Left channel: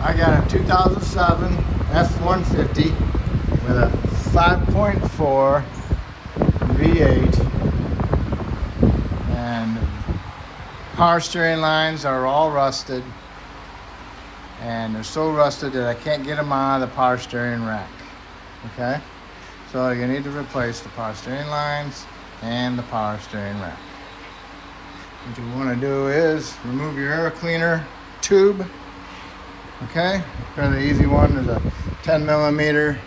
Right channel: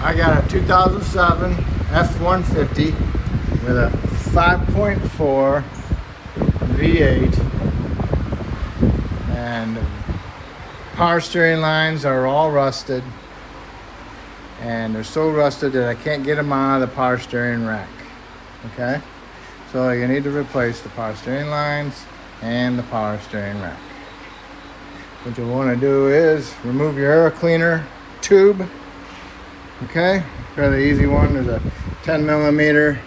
I got a 2007 F150 with a 5.4 V8, and the power steering lines are all rusted, and they're so rusted that I can't get them out of the power steering rack. Okay, so you need to replace the power steering lines and the power steering rack. What you want to do is remove your air cleaner tube. Okay, fairly easy one. There's a 10 millimeter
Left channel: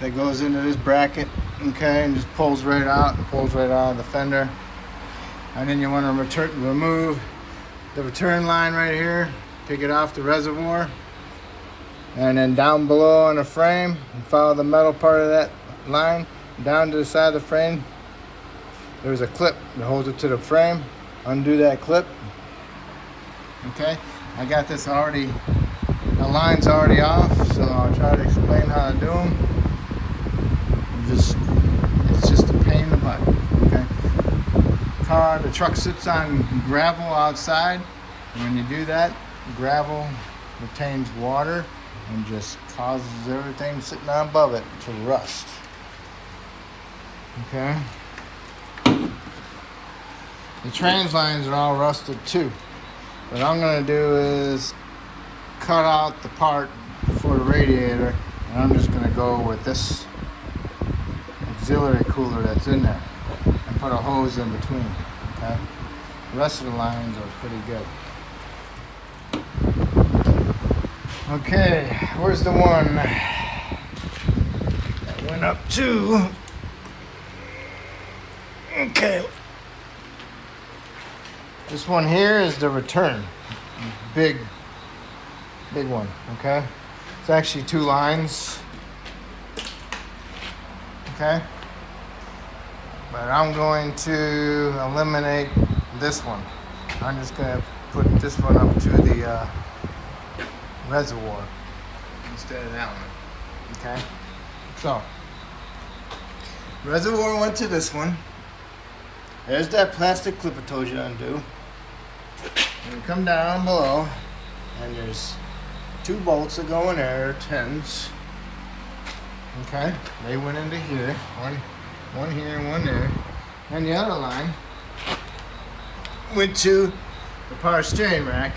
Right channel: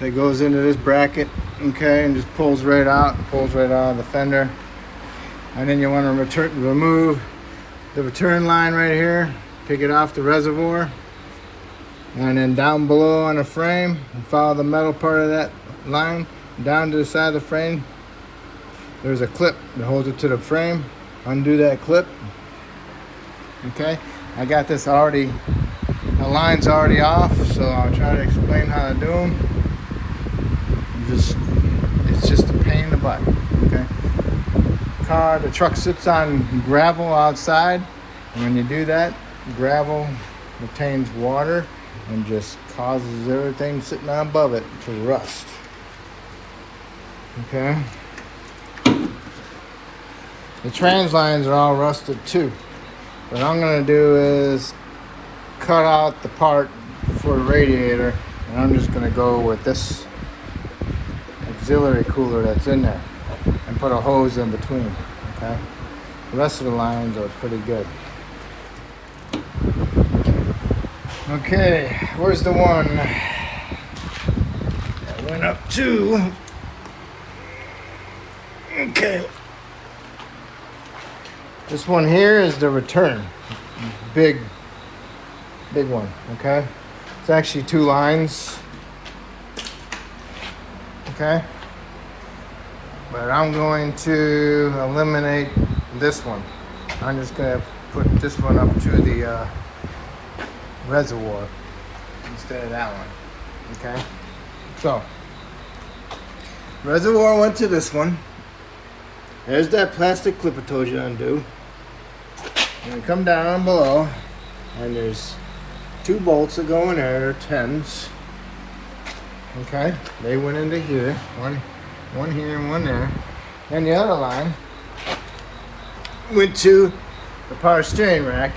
that goes into this bracket, okay, and just pulls right out of the fender. And then you want to remove the return line right here, take it off the reservoir, and then down below on the frame, follow the metal part of that line down to the side of the frame. There's a clip that holds it to the frame. Undo that clip. Okay, I got this already, the line's already off, so I'll try to explain how to do them. It's just a pain in the butt. Okay, the truck sits on gravel outside, and when you do that, gravel retains water and just causes everything sitting on above it to rust. Okay, the trans lines are all rusted too. What I'm going to do is cut out the part for the radiator, and I'm just going to go with this auxiliary cooler that's in there and put a hose in between. Okay, the rest of the lines are pretty good. Okay, where's the one that went up to? Okay, this one here is the return, big one. Okay, it's actually two lines. Okay, but I'm going to eliminate this one. I'm just going to put this one up to the reservoir instead of that one. Okay, so reservoir went to this one. There's that plastic clip I told you to undo. And you come down below, and there's two bolts that go in there. They're 10s. Okay, they went into here. One here and one there. And the other line went to the power steering rack,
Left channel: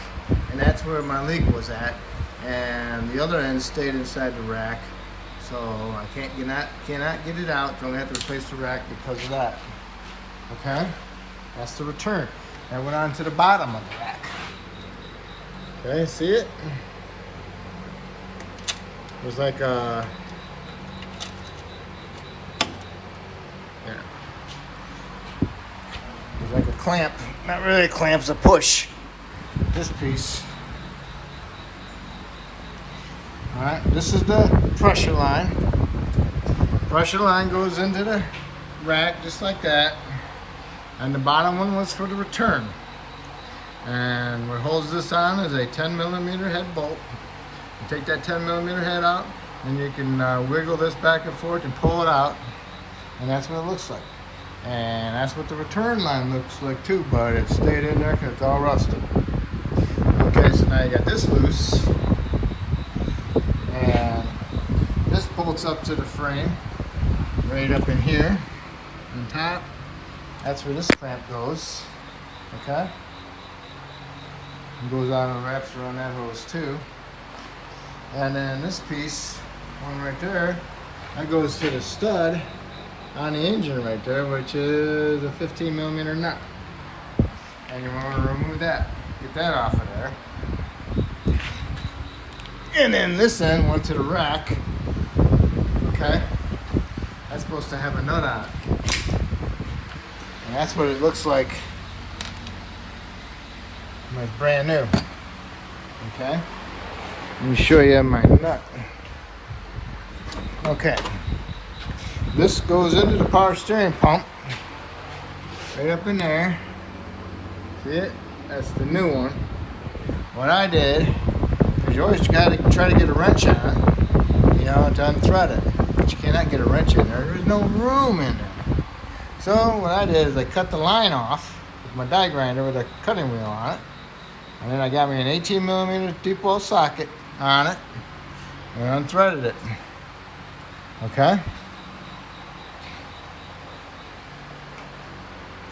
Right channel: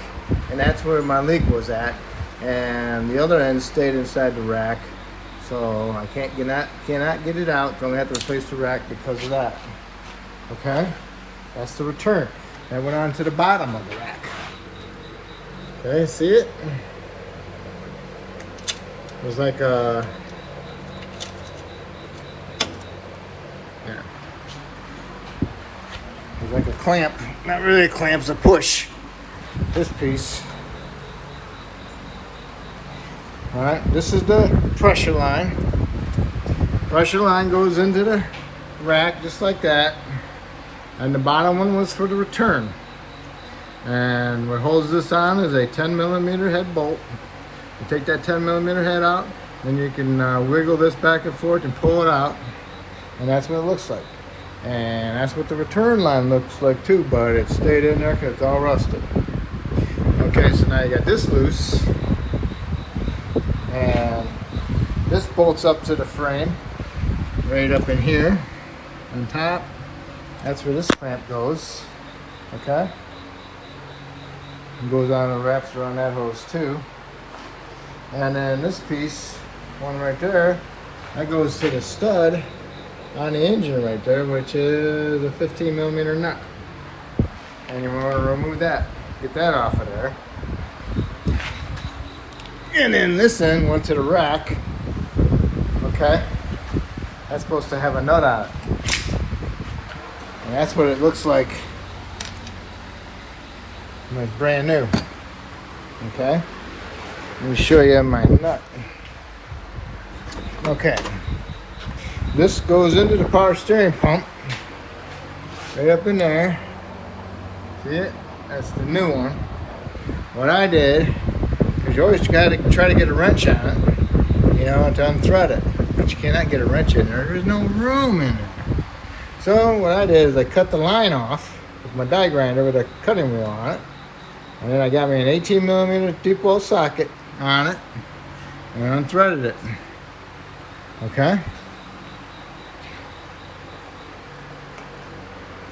and that's where my leak was at. And the other end stayed inside the rack, so I cannot get it out. So I'm gonna have to replace the rack because of that. Okay, that's the return. That went on to the bottom of the rack. Okay, see it? It was like a, yeah. It was like a clamp. Not really a clamp, it's a push. This piece. Alright, this is the pressure line. Pressure line goes into the rack just like that. And the bottom one was for the return. And what holds this on is a 10 millimeter head bolt. You take that 10 millimeter head out, then you can wiggle this back and forth and pull it out. And that's what it looks like. And that's what the return line looks like too, but it stayed in there because it's all rusted. Okay, so now you got this loose. And this bolts up to the frame, right up in here on top. That's where this clamp goes. Okay, it goes on and wraps around that hose too. And then this piece, one right there, that goes to the stud on the engine right there, which is a 15 millimeter nut. And you want to remove that, get that off of there. And then this end went to the rack. Okay, that's supposed to have a nut on it. And that's what it looks like when it's brand new. Okay, let me show you my nut. Okay, this goes into the power steering pump, right up in there. See it? That's the new one. What I did, because you always got to try to get a wrench on it, you know, to unthread it. But you cannot get a wrench in there. There's no room in it. So what I did is I cut the line off with my die grinder with a cutting wheel on it. And then I got me an 18mm deep well socket on it and unthreaded it. Okay?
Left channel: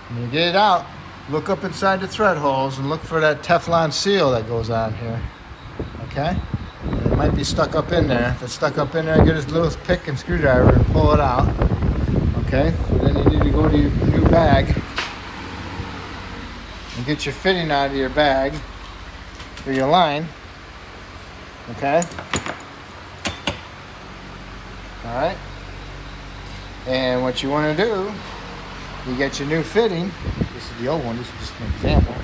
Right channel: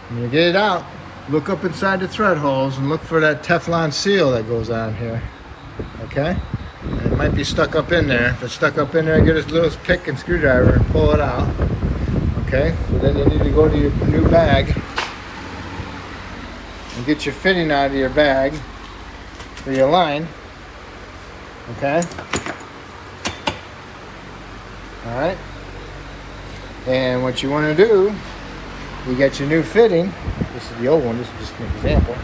When you get it out, look up inside the thread holes and look for that Teflon seal that goes on here. Okay? It might be stuck up in there. If it's stuck up in there, get a little pick and screwdriver and pull it out. Okay? So then you need to go to your new bag and get your fitting out of your bag for your line. Okay? Alright? And what you want to do, you get your new fitting. This is the old one, this is just an example.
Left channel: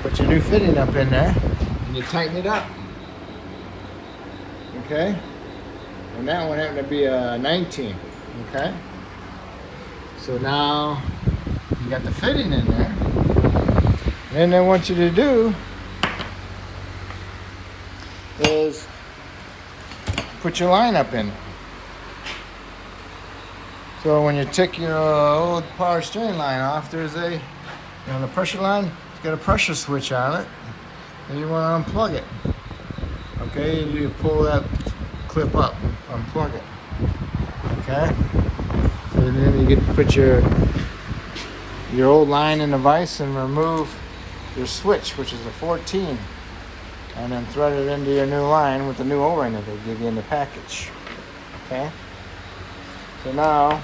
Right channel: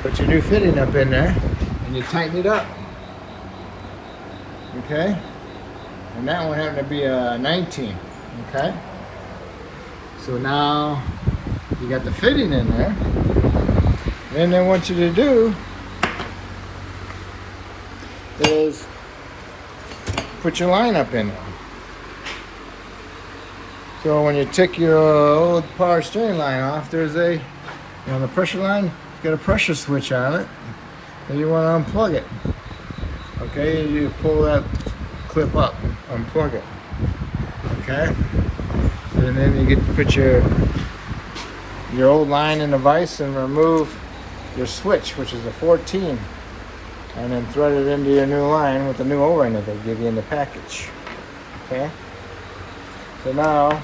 Put your new fitting up in there and you tighten it up. Okay? And that one happened to be a 19. Okay? So now you got the fitting in there. And then I want you to do is put your line up in there. So when you take your old power steering line off, there's a, the pressure line, it's got a pressure switch on it, and you want to unplug it. Okay, you pull that clip up, unplug it. Okay, and then you get to put your old line in the vise and remove your switch, which is a 14, and then thread it into your new line with the new O-ring that they give you in the package. Okay. So now,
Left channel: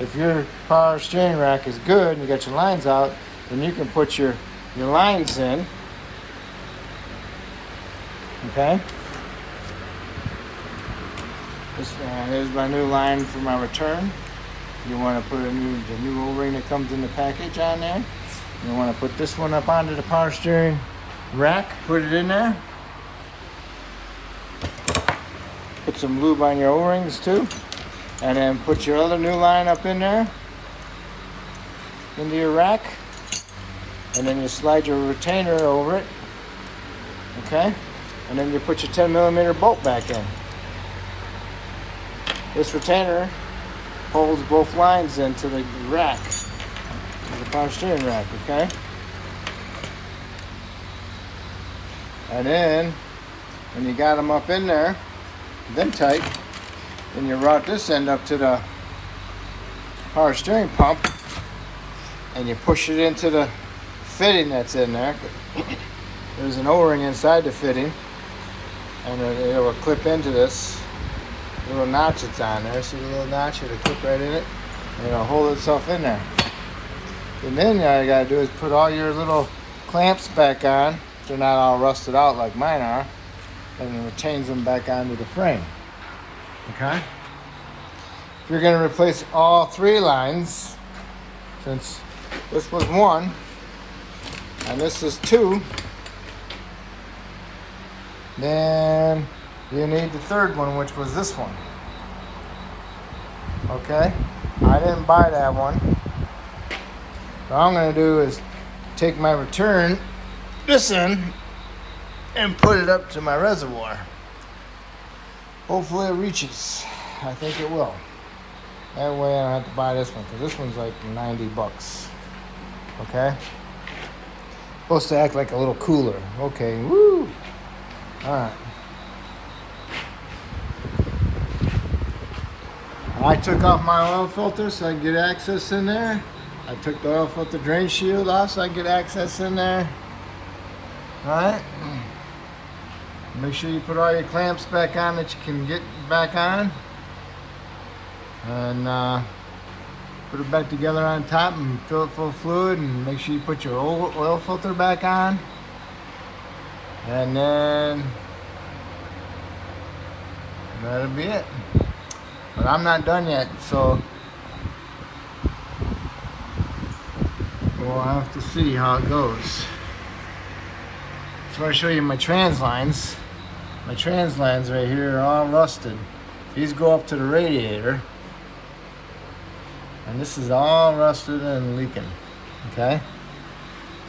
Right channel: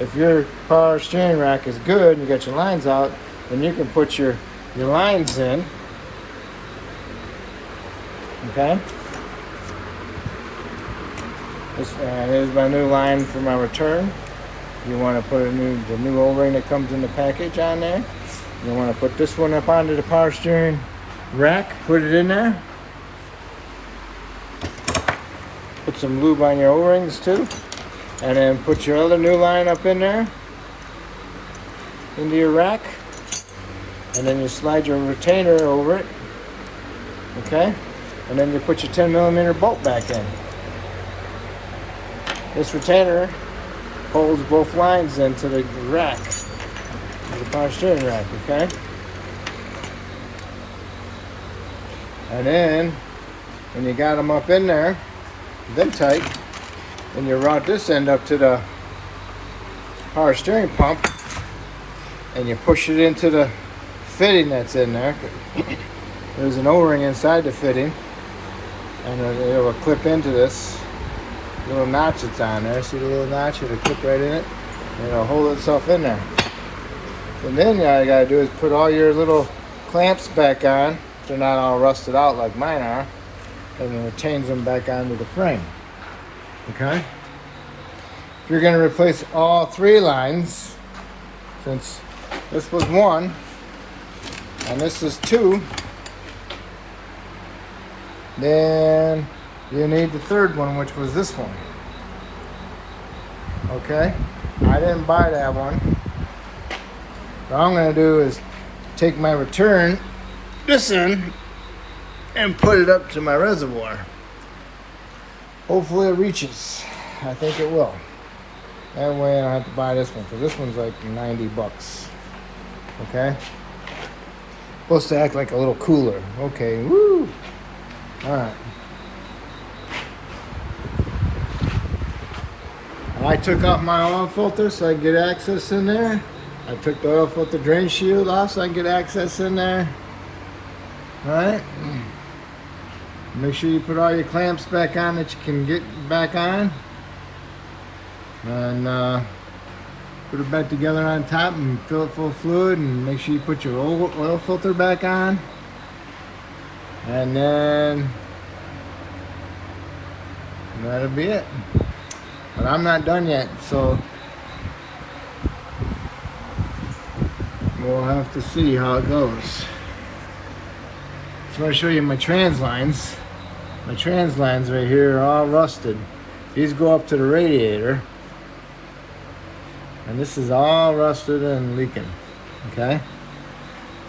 if your power steering rack is good and you got your lines out, then you can put your lines in. Okay? There's my new line for my return. You want to put the new O-ring that comes in the package on there. You want to put this one up onto the power steering rack, put it in there. Put some lube on your O-rings too, and then put your other new line up in there into your rack, and then you slide your retainer over it. Okay, and then you put your 10mm bolt back in. This retainer holds both lines into the rack, the power steering rack. Okay, and then when you got them up in there then tight, when you route this end up to the power steering pump and you push it into the fitting that's in there. There's an O-ring inside the fitting, and it will clip into this little notch that's on there. See the little notch? It'll clip right in it, and it'll hold itself in there. And then all you gotta do is put all your little clamps back on. They're not all rusted out like mine are. And then it change them back onto the frame. Okay? If you're going to replace all three lines, since this was one and this is two, then you need the third one, which was this one. Okay? I didn't buy that one. What I'm going to do is take my return, this in, and put it up to my reservoir. Hopefully it reaches. I think it will. That way I don't have to buy this one, because this one's like 90 bucks. Okay? Supposed to act like a little cooler. Okay, woo! Alright. I took off my oil filter so I could get access in there. I took the oil filter drain shield off so I could get access in there. Alright? Make sure you put all your clamps back on that you can get back on. And put it back together on top and fill it full of fluid, and make sure you put your oil filter back on. And then that'll be it. But I'm not done yet, so we'll have to see how it goes. Just want to show you my trans lines. My trans lines right here are all rusted. These go up to the radiator. And this is all rusted and leaking. Okay?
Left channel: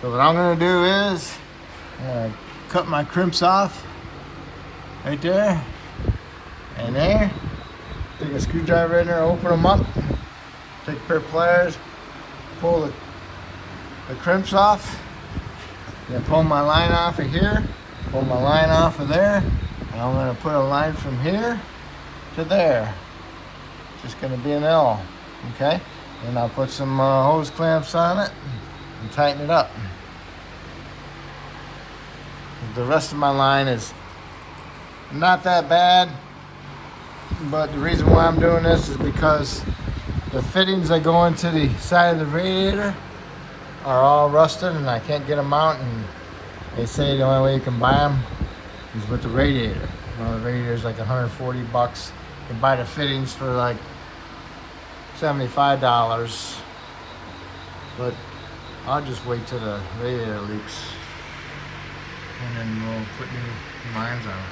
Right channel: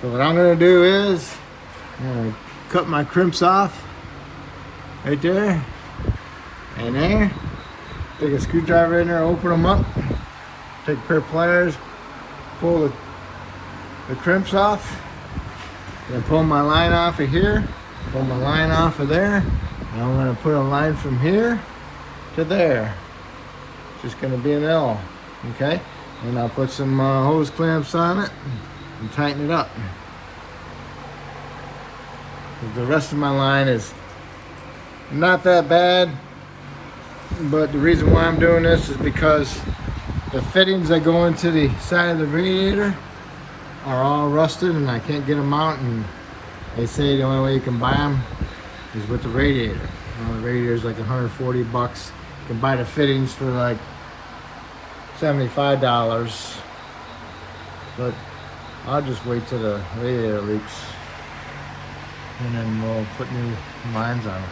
So what I'm going to do is cut my crimps off right there and there. Take a screwdriver in there, open them up. Take a pair of pliers, pull the crimps off. gonna pull my line off of here, pull my line off of there, and I'm gonna put a line from here to there. Just gonna be an L, okay? And I'll put some hose clamps on it and tighten it up. The rest of my line is not that bad, but the reason why I'm doing this is because the fittings that go into the side of the radiator are all rusted and I can't get them out, and they say the only way you can buy them is with the radiator. The radiator is like 140 bucks. You can buy the fittings for like $75, but I'll just wait till the radiator leaks and then we'll put new lines on it.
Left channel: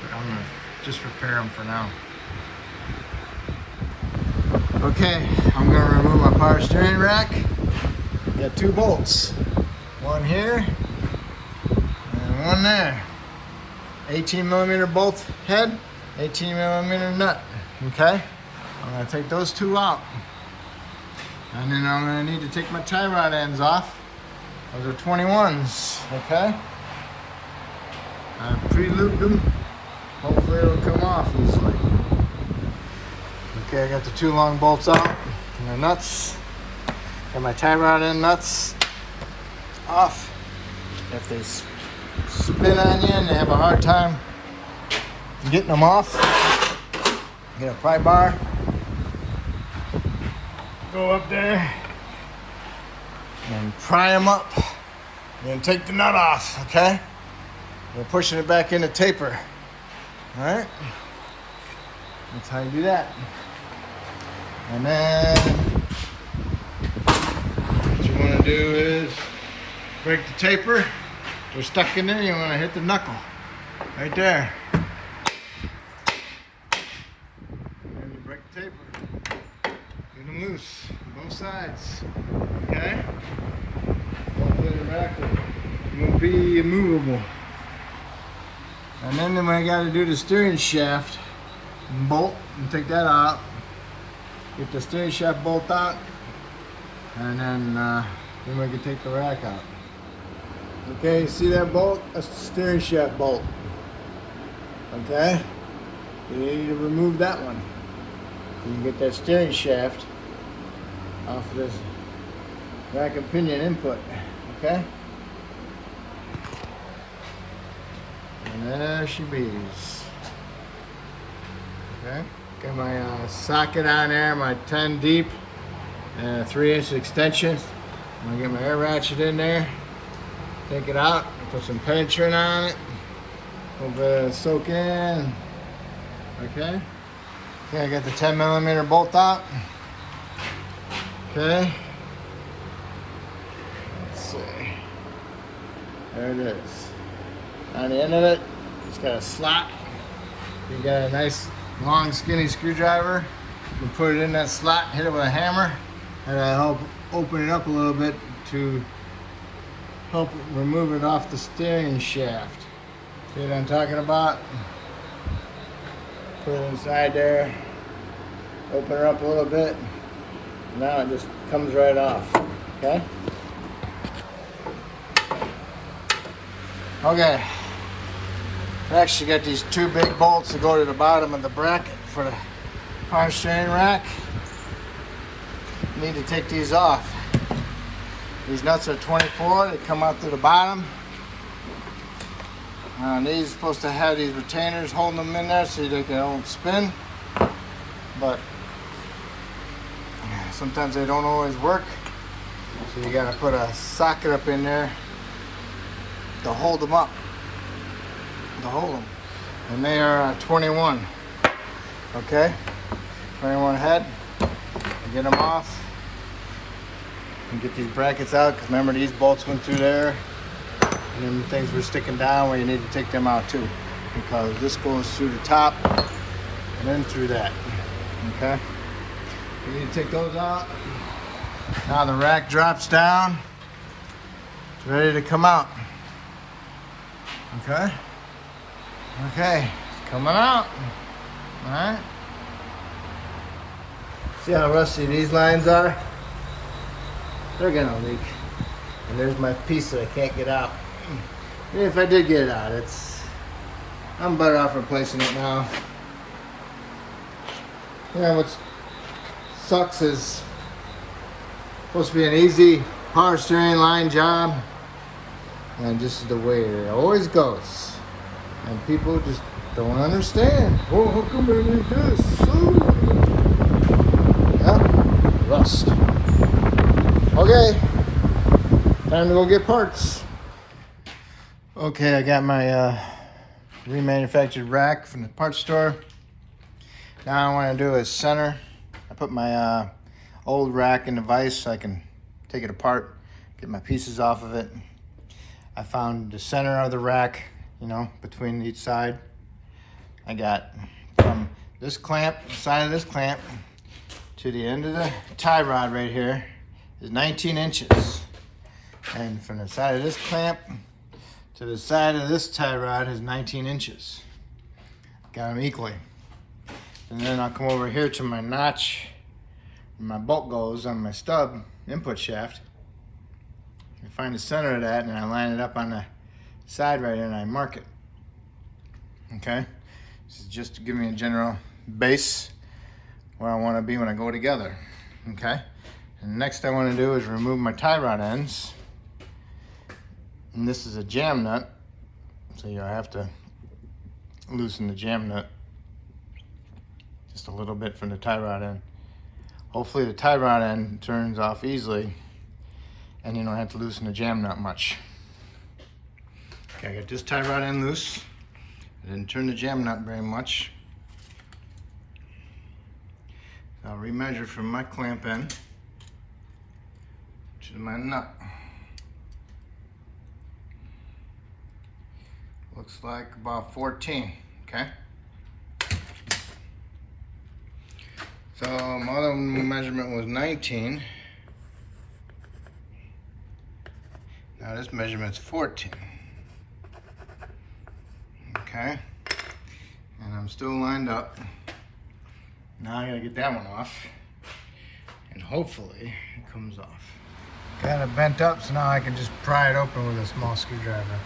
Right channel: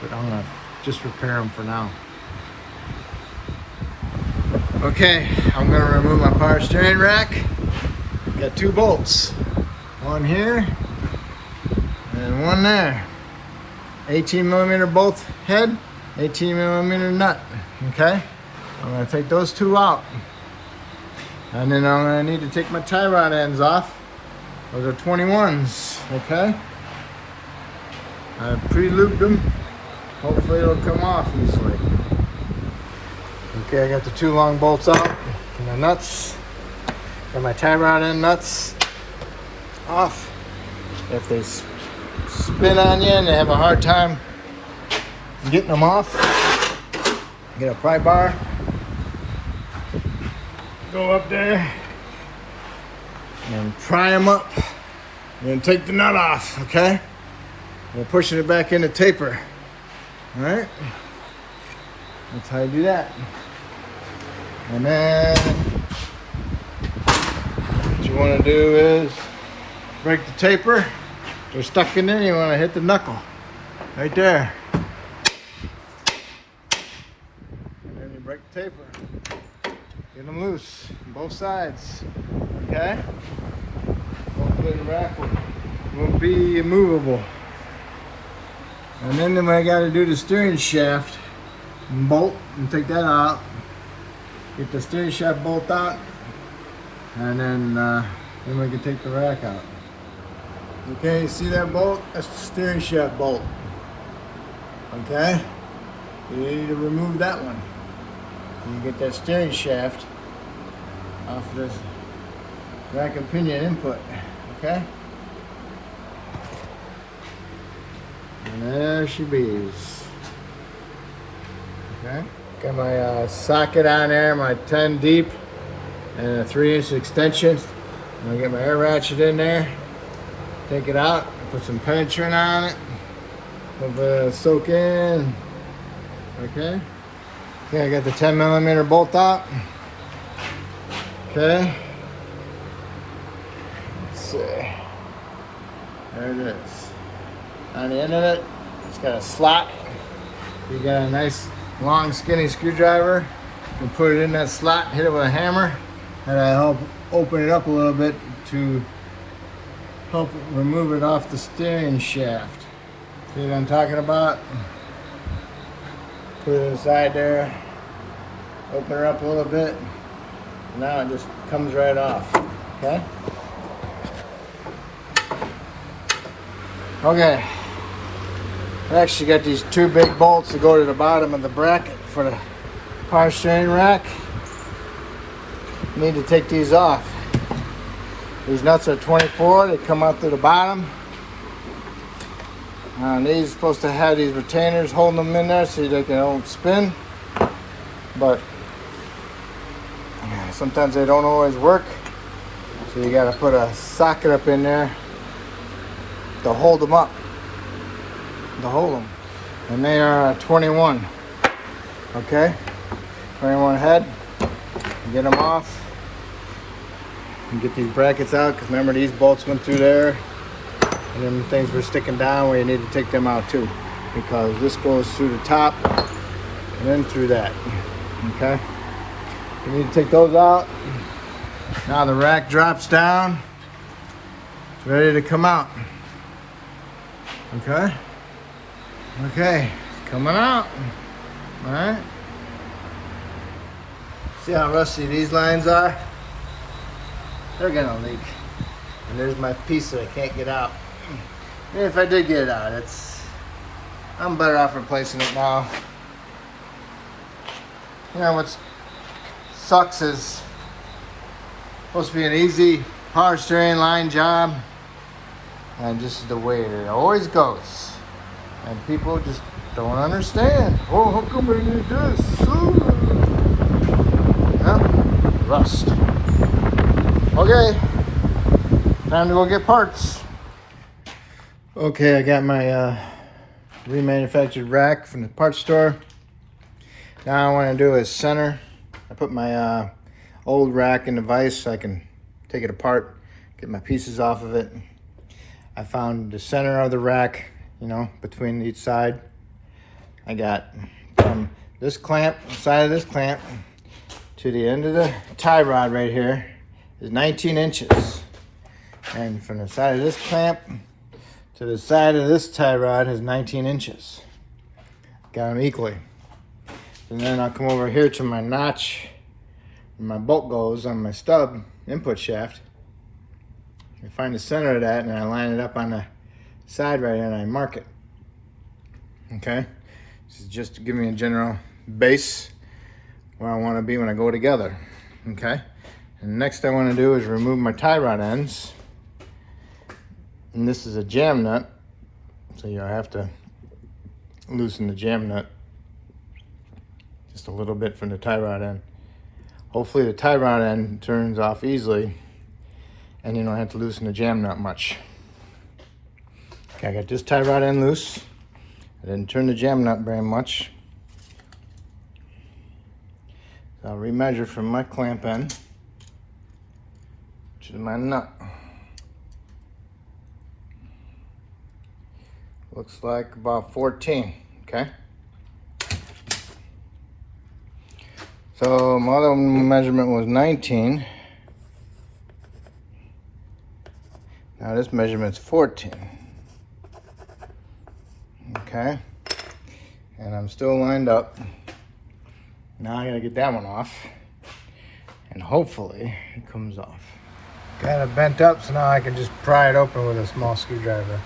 But I'm gonna just repair them for now. Okay, I'm gonna remove my power steering rack. Got 2 bolts, one here and one there. 18 millimeter bolt head, 18 millimeter nut, okay? I'm gonna take those 2 out. And then I'm gonna need to take my tie rod ends off. Those are 21s, okay? I pre-lubed them. Hopefully it'll come off easily. Okay, I got the 2 long bolts out and the nuts. Got my tie rod end nuts off. If they spin on you and they have a hard time getting them off, get a pry bar, go up there and pry them up, and then take the nut off, okay? And pushing it back in the taper. All right, that's how you do that. And then what you want to do is break the taper. They're stuck in there. You want to hit the knuckle right there, and then you break the taper. Get them loose on both sides. Okay. Hopefully the rack won't be immovable. And then I got to do the steering shaft and bolt and take that out. Get the steering shaft bolt out, and then we can take the rack out. Okay, you see that bolt? That's the steering shaft bolt. Okay, you need to remove that one. And you get that steering shaft off of this rack and pinion input. Okay. And there she is. Okay. Got my socket on there, my 10 deep and a 3-inch extension. I'm gonna get my air ratchet in there, take it out, put some penetrant on it, a little bit of soak in. Okay. Okay, I got the 10 millimeter bolt out. Okay. Let's see. There it is. On the end of it, it's got a slot. You got a nice long skinny screwdriver. You can put it in that slot, hit it with a hammer, and that'll help open it up a little bit to help remove it off the steering shaft. See what I'm talking about? Put it inside there, open it up a little bit. Now it just comes right off. Okay? Okay. I actually got these 2 big bolts that go to the bottom of the bracket for the power steering rack. Need to take these off. These nuts are 24, they come out to the bottom. These are supposed to have these retainers holding them in there so they don't spin. But sometimes they don't always work. So you gotta put a socket up in there to hold them up. To hold them. And they are 21. Okay? 21 head. Get them off. And get these brackets out, because remember these bolts went through there. And then the things were sticking down where you need to take them out too. Because this goes through the top and then through that. Okay? You need to take those out. Now the rack drops down. It's ready to come out. Okay? Okay, coming out. Alright. See how rusty these lines are? They're gonna leak. And there's my piece that I can't get out. And if I did get it out, I'm better off replacing it now. You know what sucks is supposed to be an easy power steering line job, and just the way it always goes. And people just don't understand. Oh, how come I need this? Yeah, rust. Okay, time to go get parts. Okay, I got my remanufactured rack from the parts store. Now I want to do is center. I put my old rack in the vise so I can take it apart, get my pieces off of it. I found the center of the rack, you know, between each side. I got from this clamp, side of this clamp, to the end of the tie rod right here is 19 inches. And from the side of this clamp to the side of this tie rod is 19 inches. Got them equally. And then I'll come over here to my notch where my bolt goes on my stub input shaft. I find the center of that and I line it up on the side right here and I mark it. Okay? This is just to give me a general base where I want to be when I go together. Okay? And next I want to do is remove my tie rod ends. And this is a jam nut. So you have to loosen the jam nut just a little bit from the tie rod end. Hopefully the tie rod end turns off easily and you don't have to loosen the jam nut much. Okay, I got this tie rod end loose. I didn't turn the jam nut very much. So I'll remeasure from my clamp end to my nut. Looks like about 14, okay? So my other measurement was 19. Now this measurement's 14. Okay? And I'm still lined up. Now I gotta get that one off. And hopefully it comes off. Got it bent up so now I can just pry it open with a small screwdriver.